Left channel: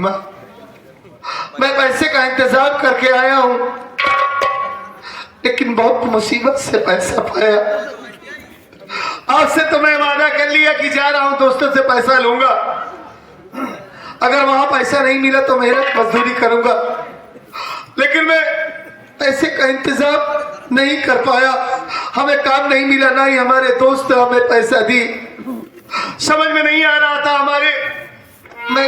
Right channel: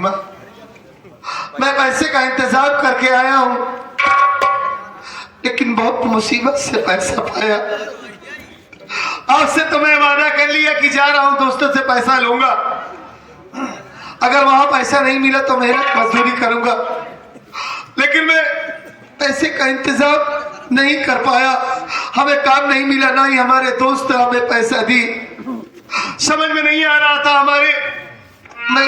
मैं पैसे का इंतजाम करके आया हूं, लेकिन बहुत मुसीबत से पैसा पाया। आज से तो मैं वादा कर लिया कि जा रहा हूं दोस्तों से पैसा लूंगा। अगर वहां पैसा नहीं मिला तो मेहनत मजदूरी करूंगा, लेकिन मैं पैसे का इंतजाम नहीं कर पाया। हमें काम नहीं मिला, ना ही हमारे दोस्त हमें पैसा दी। समझ में नहीं आ रहा था हमारे, मैं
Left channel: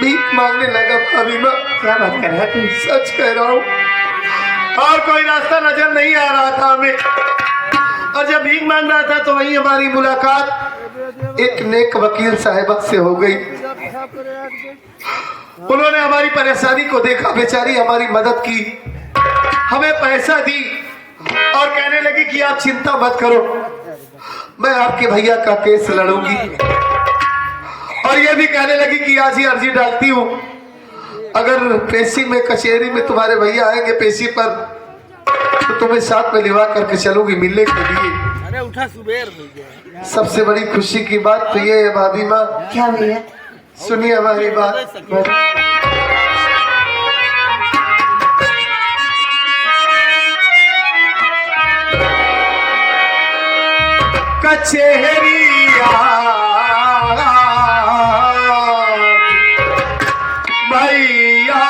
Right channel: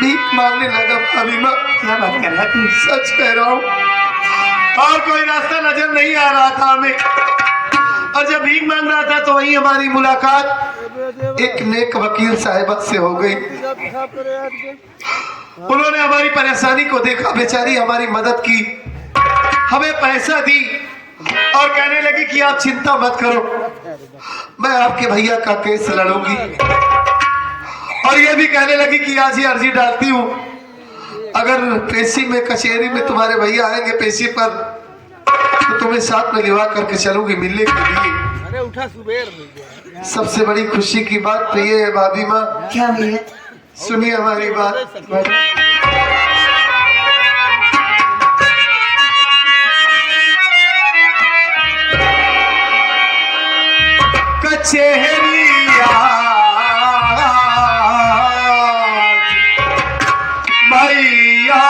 भीख मांगने लगा। भाभी माँ, क्या बात कर रहा तुम? सच कह रहा हूँ, और कोई रास्ता नजर नहीं आ रहा था हमें। और जब भीख मांग रहा था तो वहीं हमारी मुलाकात एक नेक वकील साहिबा से हो गई। उन्होंने हमारी परेशानी को देखा, बेचारी हमारी मदद की, हमें पैसा दी और कहने लगी कि आप चिंता मत करो, मैं आपके भैया का केस लड़ूंगी। और ये भी कहने लगी कि आज ही अर्जी डालती हूँ, अगर पेशी में कचहरी में तुम्हारे भैया आएंगे पेशी पर तो तुम्हें साथ में लिवा करके चलूंगी मिलने के लिए। अरे उठा सुबेर। सबसे बड़ी खुशी की बात तो ये है भाभी माँ, क्या भैया? सुनिए हमारी बात। कचहरी भैया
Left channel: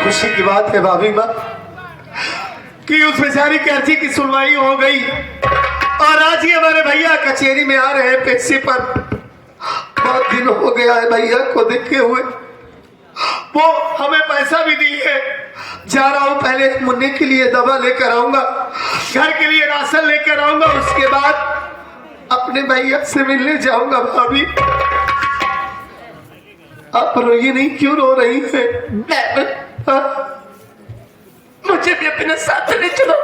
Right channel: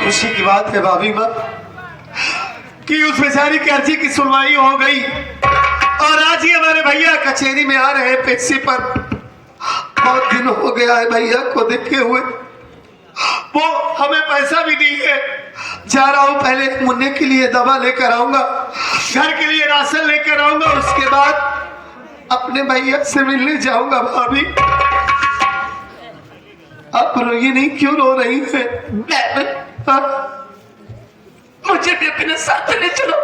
खुशी की बात है भाभी माँ कि उस बेचारी की अर्जी की सुनवाई हो गई और आज ही हमारे भैया कचहरी में आ रहे हैं पेशी पर। बहुत दिन हो गया है भैया को देखे हुए, वो हमें पैसा भी दी है। जा रहा हूँ, पहले मुन्ने के लिए दवा लेकर आऊंगा, घर के लिए राशन लेकर आऊंगा, उसके बाद अपने भैया से मिलने जाऊंगा। भाभी आप रोइए नहीं, क्यों रो रही है? मुझे भी अपने साथ ले चलो।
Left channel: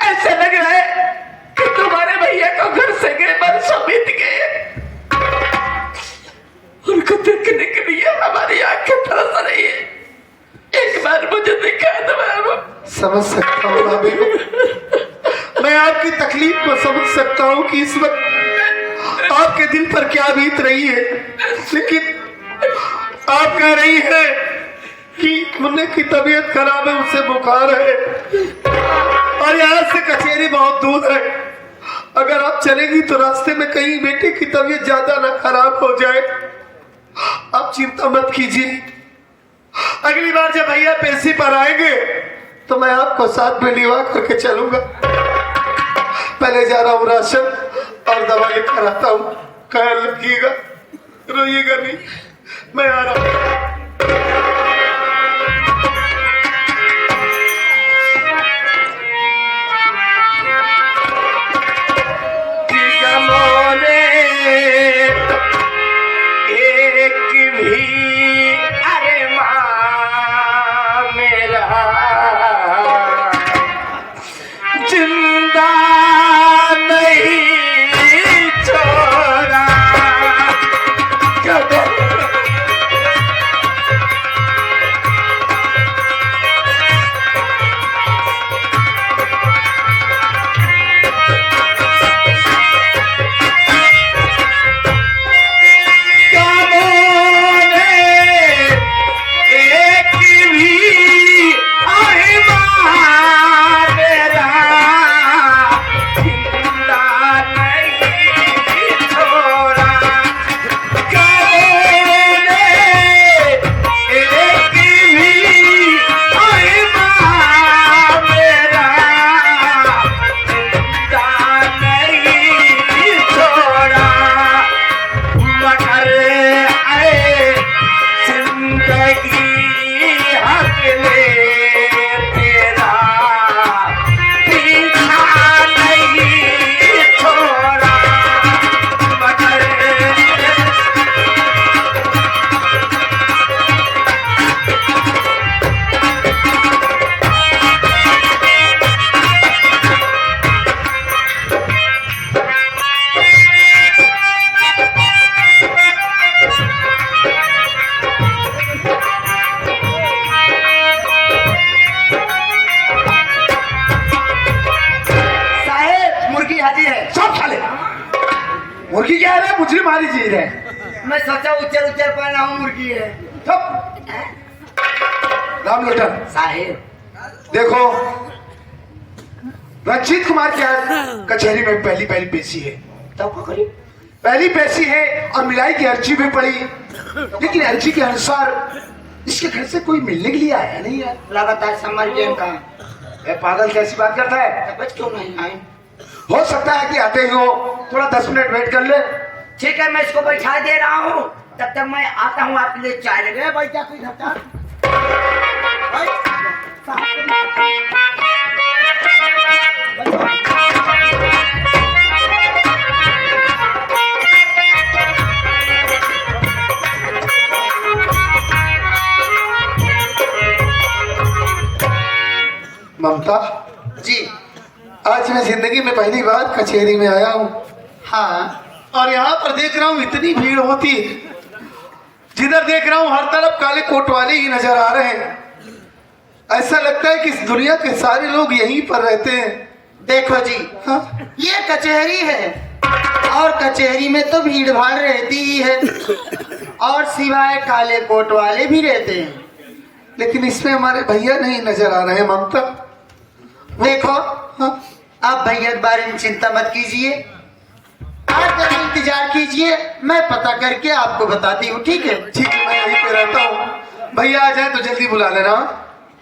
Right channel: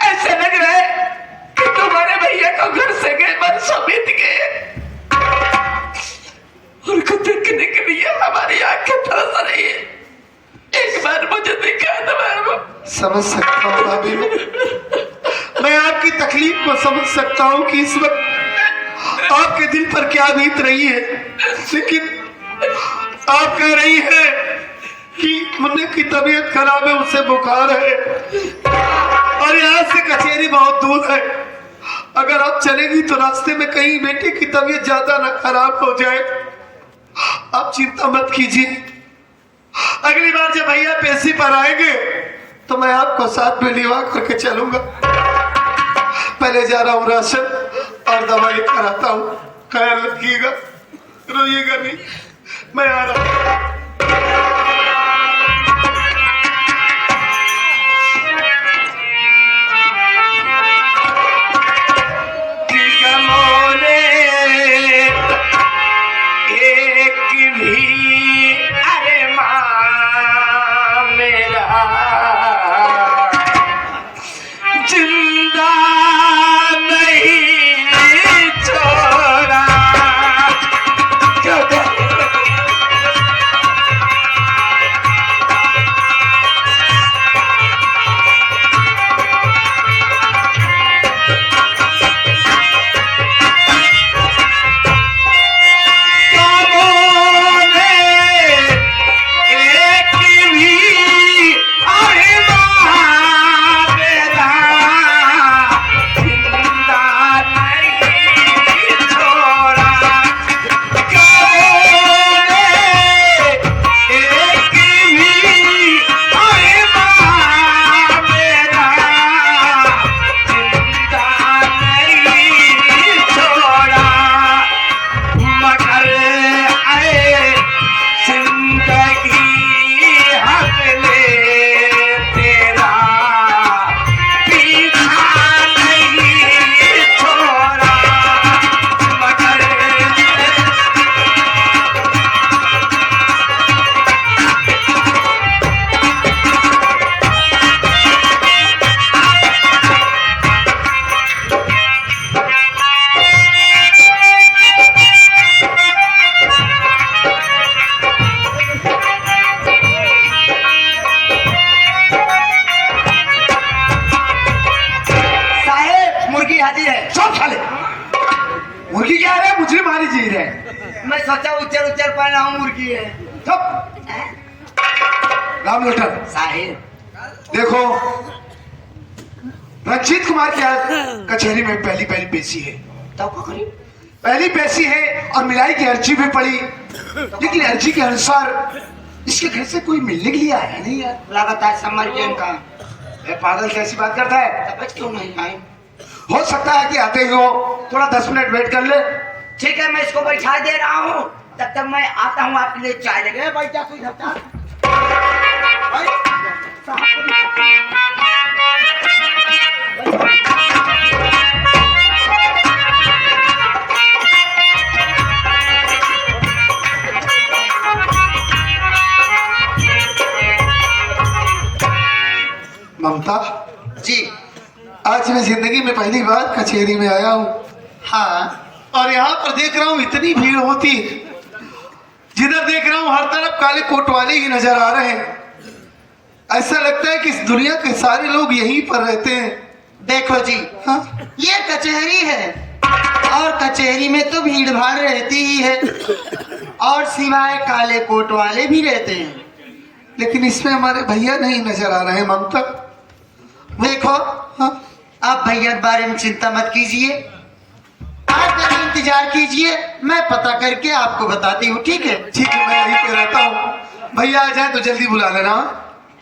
ऐसा लग रहा है कि तुम्हारे भैया का घर से गए बरसों बीत गए, उनको देखने के लिए हमारी आंखें तरस रही है। एक बार मुझे दिखा दो बाबू। समझ सकता हूँ भाभी, मैं आपकी तकलीफ को समझ सकता हूँ कि इस वक्त आपके दिल पर क्या बीत रही है, लेकिन आप कह रही है कि मुन्ने की तबीयत खराब है, उसे बुखार है और यहाँ से कचहरी बहुत दूर है। अगर आप चलेगी तो रास्ते में कहीं बेटे की तबीयत ज्यादा न खराब हो जाए। आप चिंता मत कीजिए, अगली बार जब भैया पेशी पर आएंगे तो मैं आपको साथ में लिवा करके चलूंगा। पहले जा रहा हूँ, राशन और दवा लेकर आता हूँ। ख्याल रखिएगा, रोइएगा नहीं, मैं आ रहा हूँ। मुर्गी क्या है? मुझे मारी जी रहे। मैं सोचा उच्चर उच्चर पहना हूँ मुर्गी है। राम लोटन साहेब देखो, रंजीत कुमार की आज कचहरी में पहली पेशी है। तो को करी पहली पेशी है और मिलाई की अर्जी भी पड़ी, लेकिन अर्जी के अनुसार इसके घर से कोई मिलने के लिए आया नहीं यार। लगातार समझ गए कहा पागल कैसी बात करता है? तब क्यों नहीं आए? हो सकता है कि आते ही हो, थोड़ा 10 मिनट वेट कर ले। ठीक है, मैं इसको बैठा दे रहा हूँ, तब तक मैं आता हूँ आपके लिए चाय लगे। भाई क्या कोई घटा ममता जी। आज मैं जिंदगी में पहली बार कचहरी में आया हूँ। हाँ और यहाँ पर देख रहा हूँ इतनी भीड़ होती है, जिधर देख रहा हूँ हर तरफ काले कोट वाले ही नजर आ रहे हैं। ऐसा लगता है कि इस दुनिया के सारे लोग यहीं पर रहते हैं। देखो जी, हाँ? ये कचहरी है और कचहरी में तो भीड़ भाड़ रहती ही है, और सिवाय काले कोट वाले भी रहते हैं। लेकिन इसमें हमारे भैया नहीं नजर आ रहे हैं ममता। देखो, हाँ? आप भैया के बारे में चिंता मत कीजिए, आज तक इंतजार कीजिए, मैं पता करके आपको बताती हूँ। ठीक है? ठीक है, मैं यहीं पे रहता हूँ। भैया आ जाए तो जल्दी बुला लेना।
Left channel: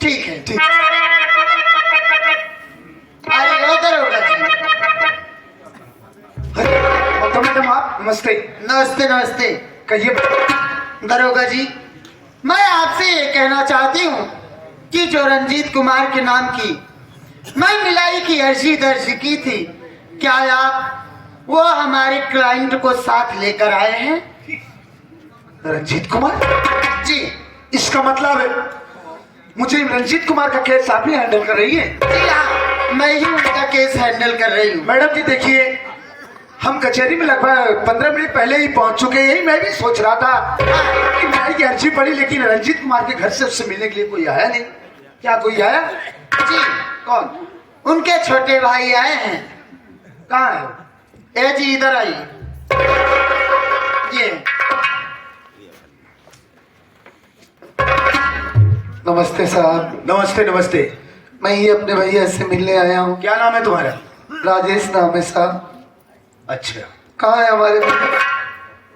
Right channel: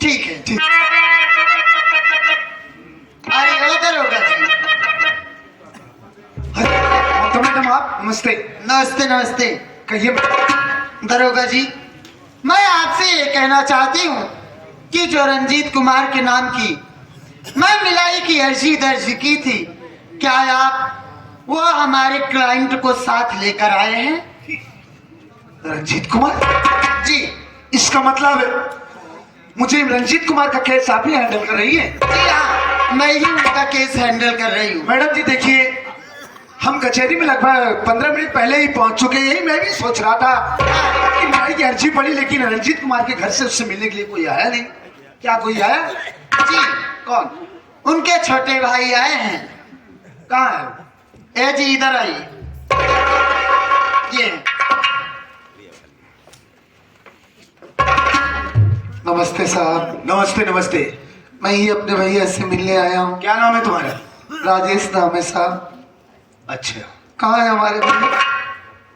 ठीक है। ठीक। अरे उधर होगा जी। ममता मैडम आप नमस्ते। नमस्ते नमस्ते। कहिए। दरोगा जी, मैं आपसे ये कहना चाहती हूँ कि जो रंजीत कुमार के नाम की मैं मिलाई की अर्जी दर्ज की थी, क्या आप वो हमारे क्लाइंट को साथ लेकर आए हैं? रंजीत कुमार जी। इसका मतलब है मुझे रंजीत कुमार का केस आप ही हैंडल कर रही है? जी हाँ, मैं ही उनका केस हैंडल कर रही हूँ। मैडम जी देखिए, हम कचहरी में लगभग 15 मिनट पहले ही पहुंच चुके हैं। यही मैं भी सोच रहा था कि मिलाई की अर्जी पड़ी, लेकिन रंजीत कुमार के घर से उससे मिलने के लिए कोई आया नहीं। क्या कोई आया? जी। कौन? उनके छोटे भाई आए हैं। कहाँ है? ए जी इधर आइए। ये नमस्ते साहब। नमस्ते नमस्ते। मैं ही अपने भैया से मिलने आया हूँ। क्या नाम है तुम्हारा? राजेश नाम है साहब। अच्छा, कहाँ है हमारे भैया?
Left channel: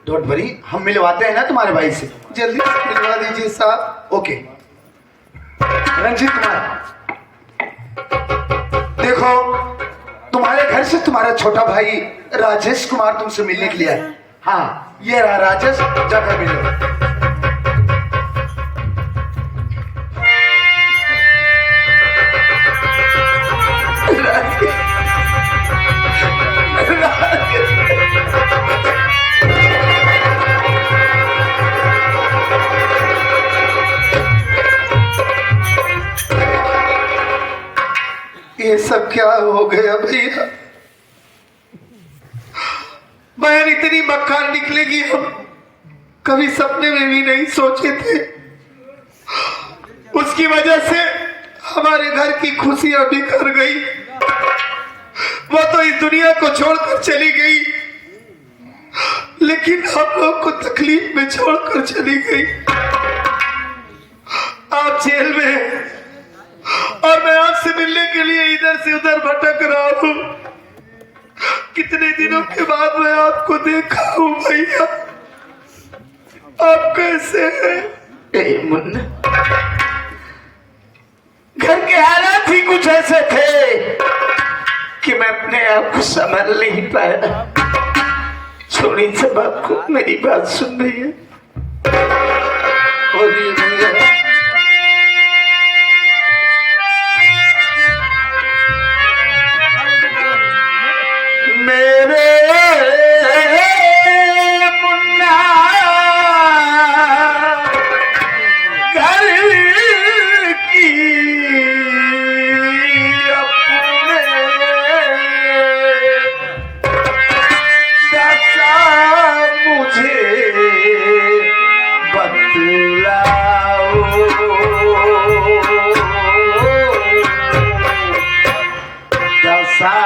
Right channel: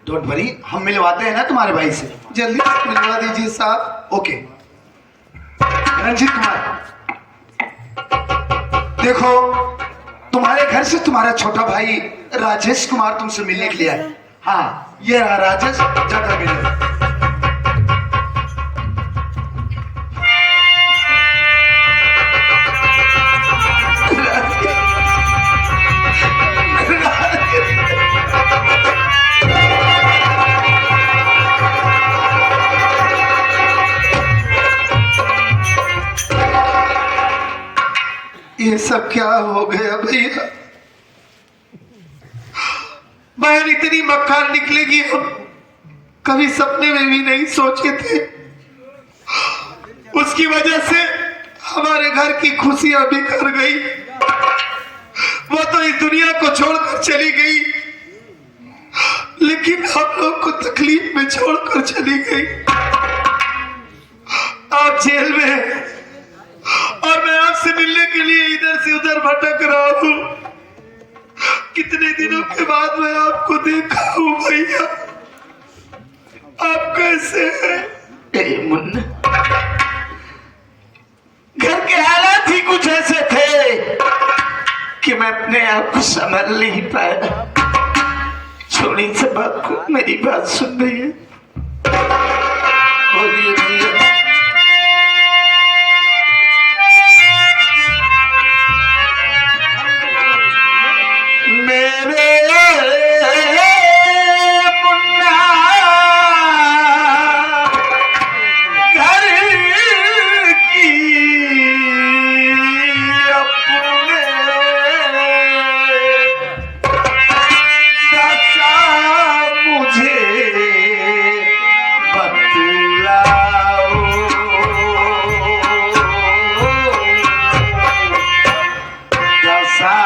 डोंट वरी, हम मिलवाते हैं ना तुम्हारे भाई से। जल्दी मिलवा दीजिए साहब। ओके। रंजीत कुमार देखो, तुम्हारे घर से तुम्हारा छोटा भाई राजेश कुमार तुमसे मिलने के लिए आया। हाँ, ये रहा राजेश, जाकर मिलो। ये सब क्या हो गया भैया? बहन इतनी मक्कार निकलेगी हम कभी सपने में भी नहीं सोचे थे। उसकी वजह से हमारे घर की खुशियां बिखर गई। वो तो इस दुनिया को छोड़कर चली गई, लेकिन हम लोग को तकलीफ में छोड़कर चली गई। आप जेल में हैं और मैं आपसे मिलने के लिए इधर से उधर भटक रहा हूँ। कितने दिनों के बाद मैं आपको देखा हूँ भैया। आप कैसे हैं? मुन्ना, घर के हालात ही कुछ ऐसे थे कि मैं अपने आप को संभाल नहीं पाया। छोड़ी से बात को मेरी बात सुन रही है। बोलिए भैया। मेरे मुन्ना घर की अपने दशा मुझे बतलाओ। दशा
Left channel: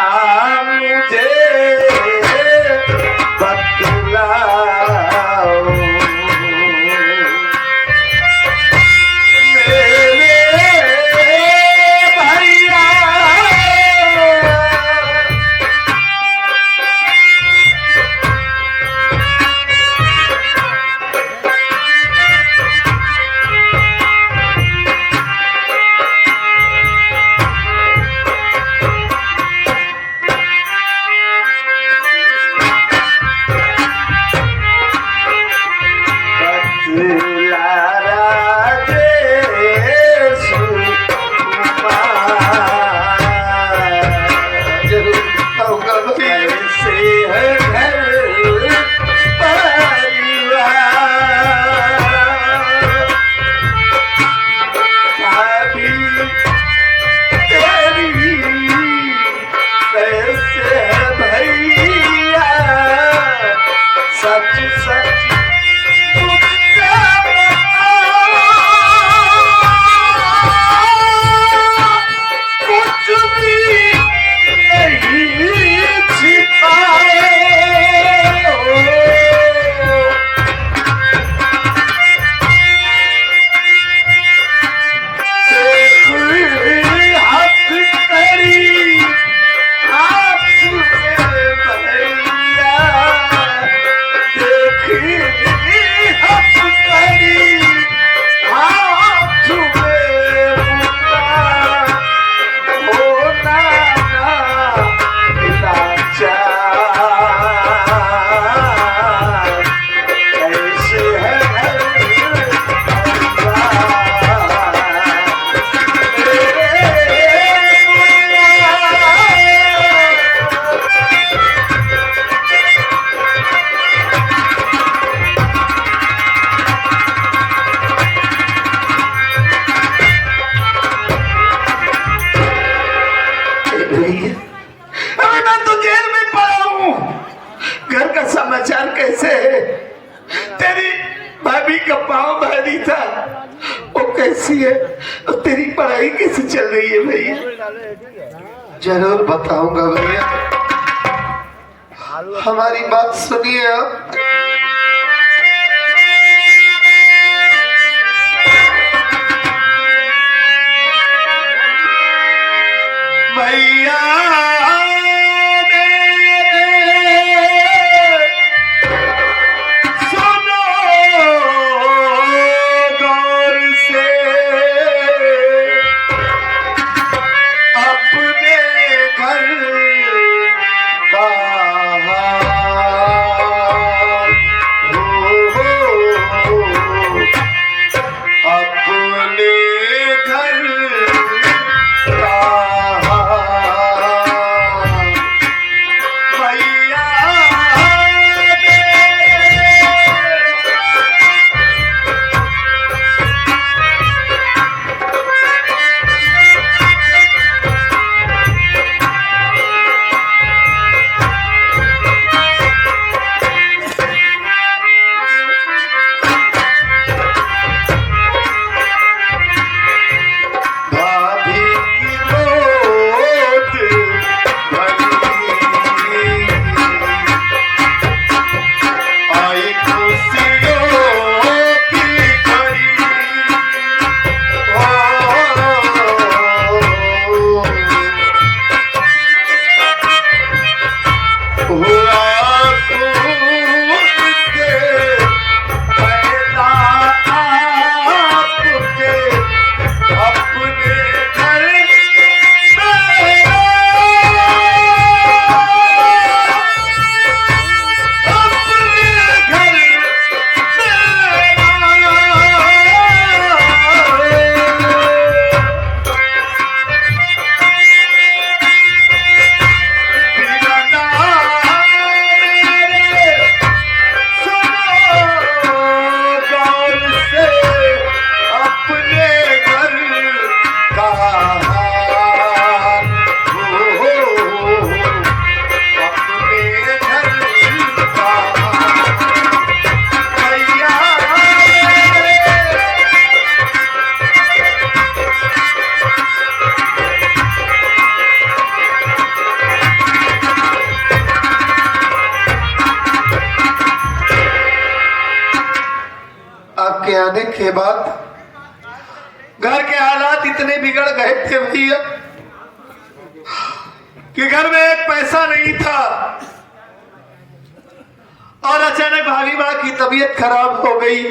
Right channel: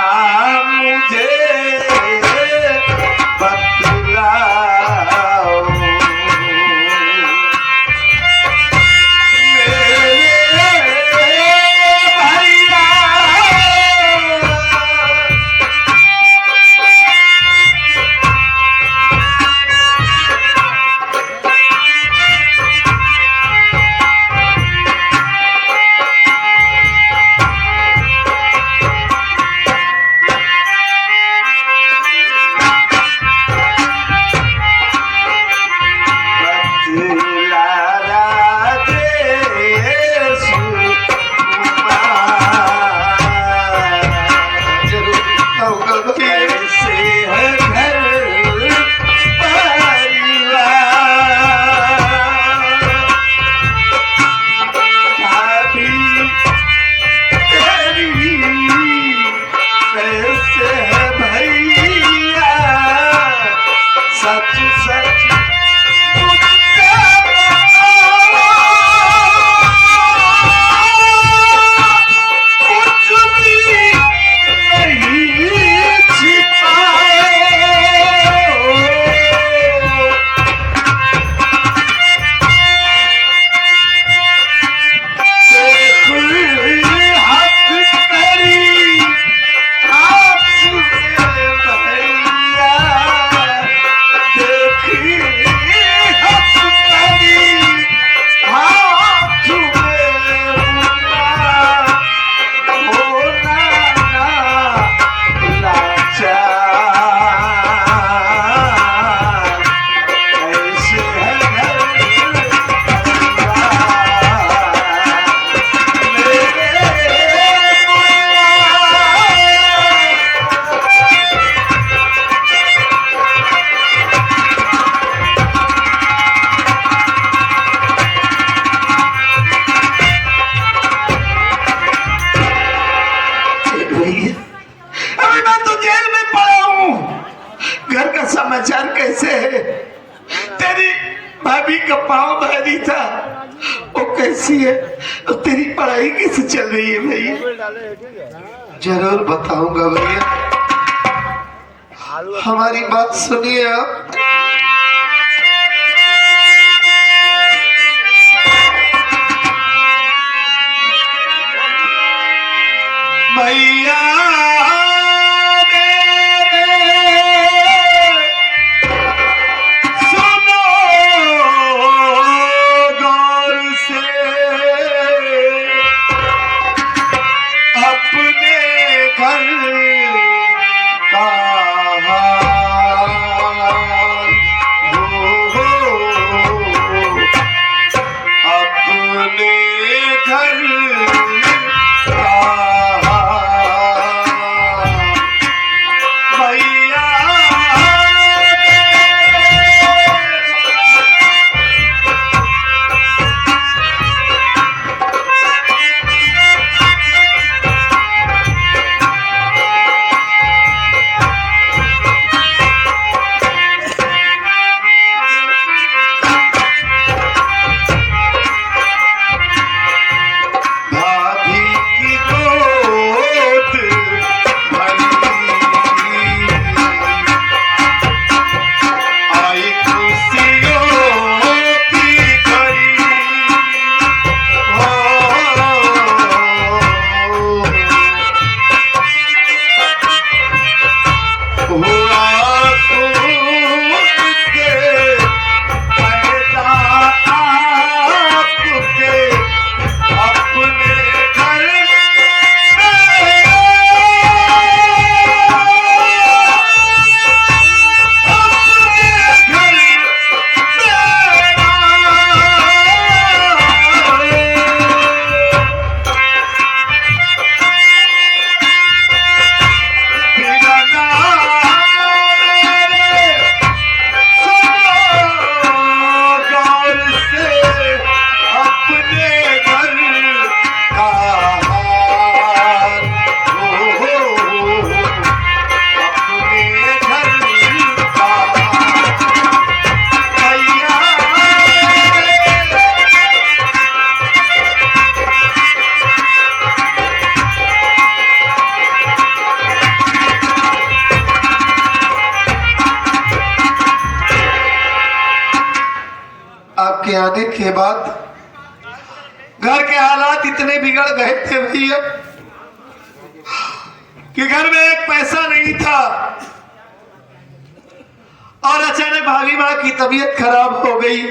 मुझे है घर परिवार। भाभी तेरी कैसे है भैया, सच सच मुझसे बता, कुछ भी नहीं छिपाए। हाथ करी आंसू में भैया, देखी हाथ करी आंसू में मुन्ना, होना ना लाचार, कैसे है घर अभी मैं तो जेल में पड़ा हूँ। घर का समाचार कैसे है? तेरी भाभी का पाँव भारी था, वो कैसी है? और तेरी पढ़ाई कैसे चल रही है भैया? जरूर बताऊंगा भैया, हमारी बात सुनिए आप। भैया सुनो गौर से, अपने घर का हाल, अपने घर का भैया भाभी की गोद भरी, आई खुशियों की घड़ी, हुआ खुद से पैदा आपके, अपने घर अपने घर का हाल, अपने घर का भैया। आपके आने के बाद घर के हालात इतने बिगड़ गए थे भैया कि घर में एक पैसा नहीं था, और अचानक भाभी माँ की तबीयत खराब हो गई।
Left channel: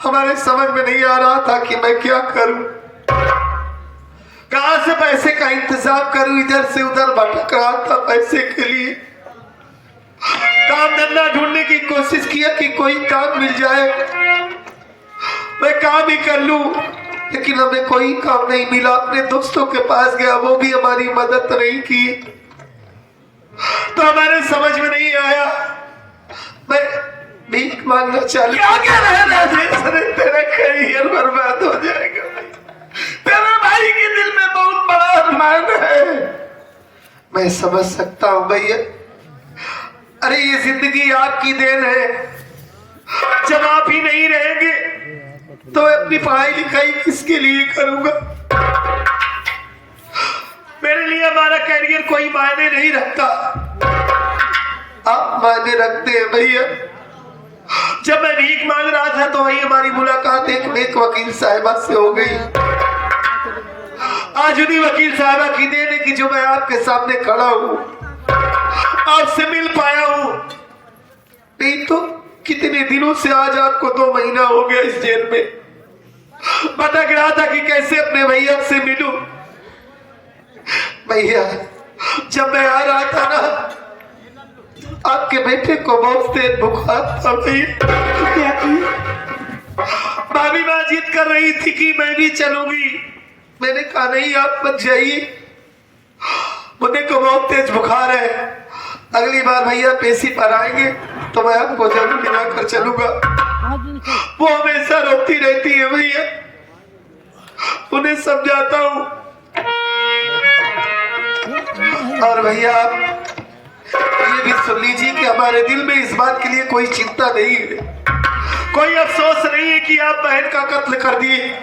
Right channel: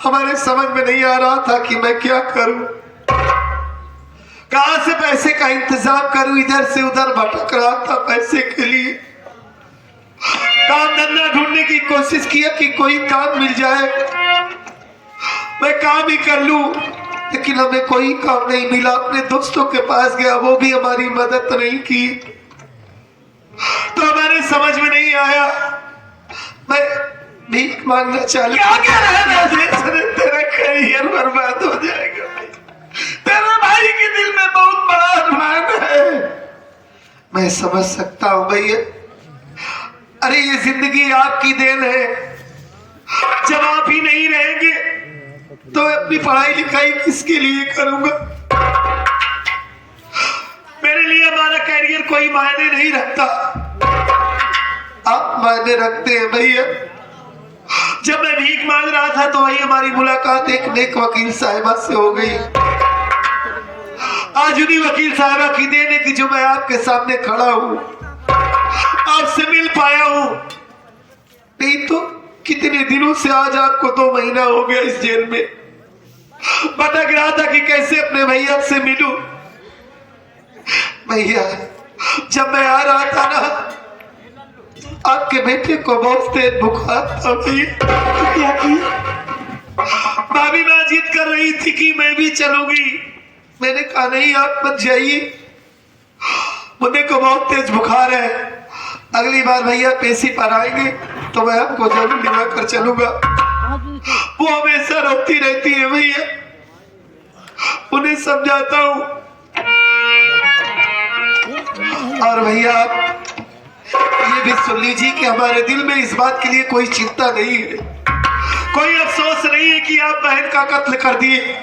हमारे समझ में नहीं आ रहा था कि मैं क्या करूं, कहां से पैसे का इंतजाम करूं। इधर से उधर भटक रहा था पैसे के लिए। काम धंधा ढूंढने की कोशिश किया कि कोई काम मिल जाए, मैं काम ही कर लूं, लेकिन हमें कोई काम नहीं मिला। अपने दोस्तों के पास गया, वो भी हमारी मदद नहीं की। तो हमारे समझ में नहीं आया, मैं भीख मांगना चालू। क्या कह रहे हैं राजेश? तेरा करियर बर्बाद हो जाएगा। तेरे भाई के दिल में बहुत बड़ा अरमान है। मैं समझ सकता हूँ भैया, अरे ये जिंदगी आपकी देन है। जब आप ही नहीं रहेंगे तो मैं अपनी पढ़ाई लिखाई किसके लिए करूंगा? मेरे लिए हमारा कैरियर कोई मायने नहीं रखता, आप मायने रखते हैं भैया। जब मैं भीख मांग रहा था तो वही हमारी मुलाकात एक नेक वकील साहिबा से हो गई। आज उन्हीं वकील साहिबा की देन है कि जो मैं आपके सामने खड़ा हूं, आपसे मिल पाया हूं। नहीं तो कितने दिनों से, आज आपको 2 महीना हो गया इस जेल में भटक रहा था कि कैसे अपने भैया से मिलूं। भैया जब मैं आ रहा था ना, आपके बेटे को बहुत तेज बुखार था भैया। क्या किया? भाभी माँ जिद कर रही थी कि मैं भी चलूंगी। मैंने कहा नहीं, आप मत जाइए, मुझे को बहुत तेज बुखार है। अगली बार भैया पेशी पर आएंगे तो मैं आपको जरूर दिला कर चलूंगा। वो हमेशा रोती रहती है भैया, उन्हें समझाता हूँ। और भैया आप ये भी सुन लीजिए कि हमारे दिल में इस बात के लिए कोई चिंता नहीं है, कोई अफसोस नहीं है कि आप बहन का कत्ल कर दिए।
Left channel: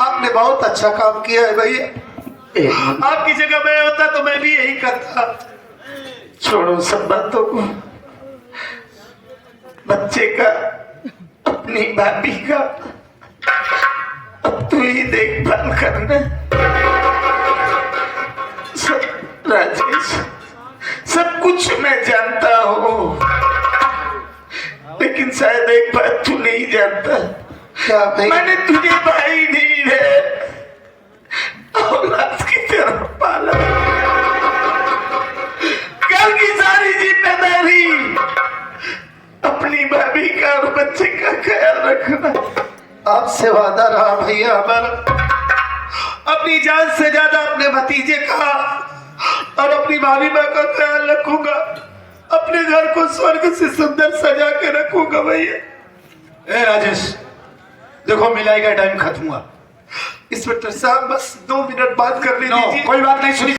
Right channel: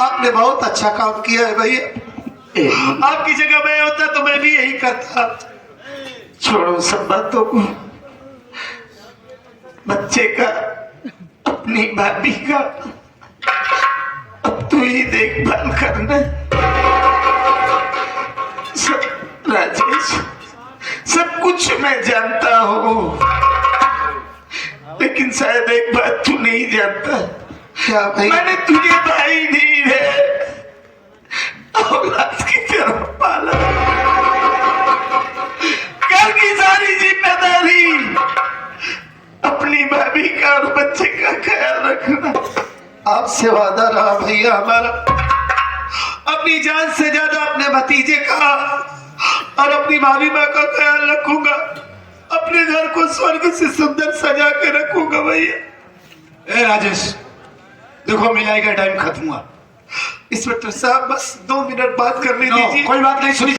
आपने बहुत अच्छा काम किया है भैया, आपकी जगह मैं होता तो मैं भी यही करता। छोड़ो सब बातों को, बच्चे का, अपनी भाभी का अब तू ही देखभाल करना। सब राजेश, सब कुछ मैं जानता हूँ, लेकिन शायद एक बात तू नहीं जानता। क्या भाई? मैंने तुझे भाई नहीं है, औलाद की तरह पाला। घर की सारी जिम्मेदारी अपनी भाभी का और बच्चे का ख्याल रखना। आपसे वादा रहा भैया हमारा, अपनी जान से ज्यादा अपने भतीजे का और अपनी भाभी माँ का ख्याल रखूंगा। अपने घर को स्वर्ग से सुंदर सजा के रखूंगा भैया। ए राजेश, देखो मिलाई का टाइम खत्म हुआ। इंस्पेक्टर साहब बस 2 मिनट बात करने नो, दीजिए। कोई बात नहीं सुनी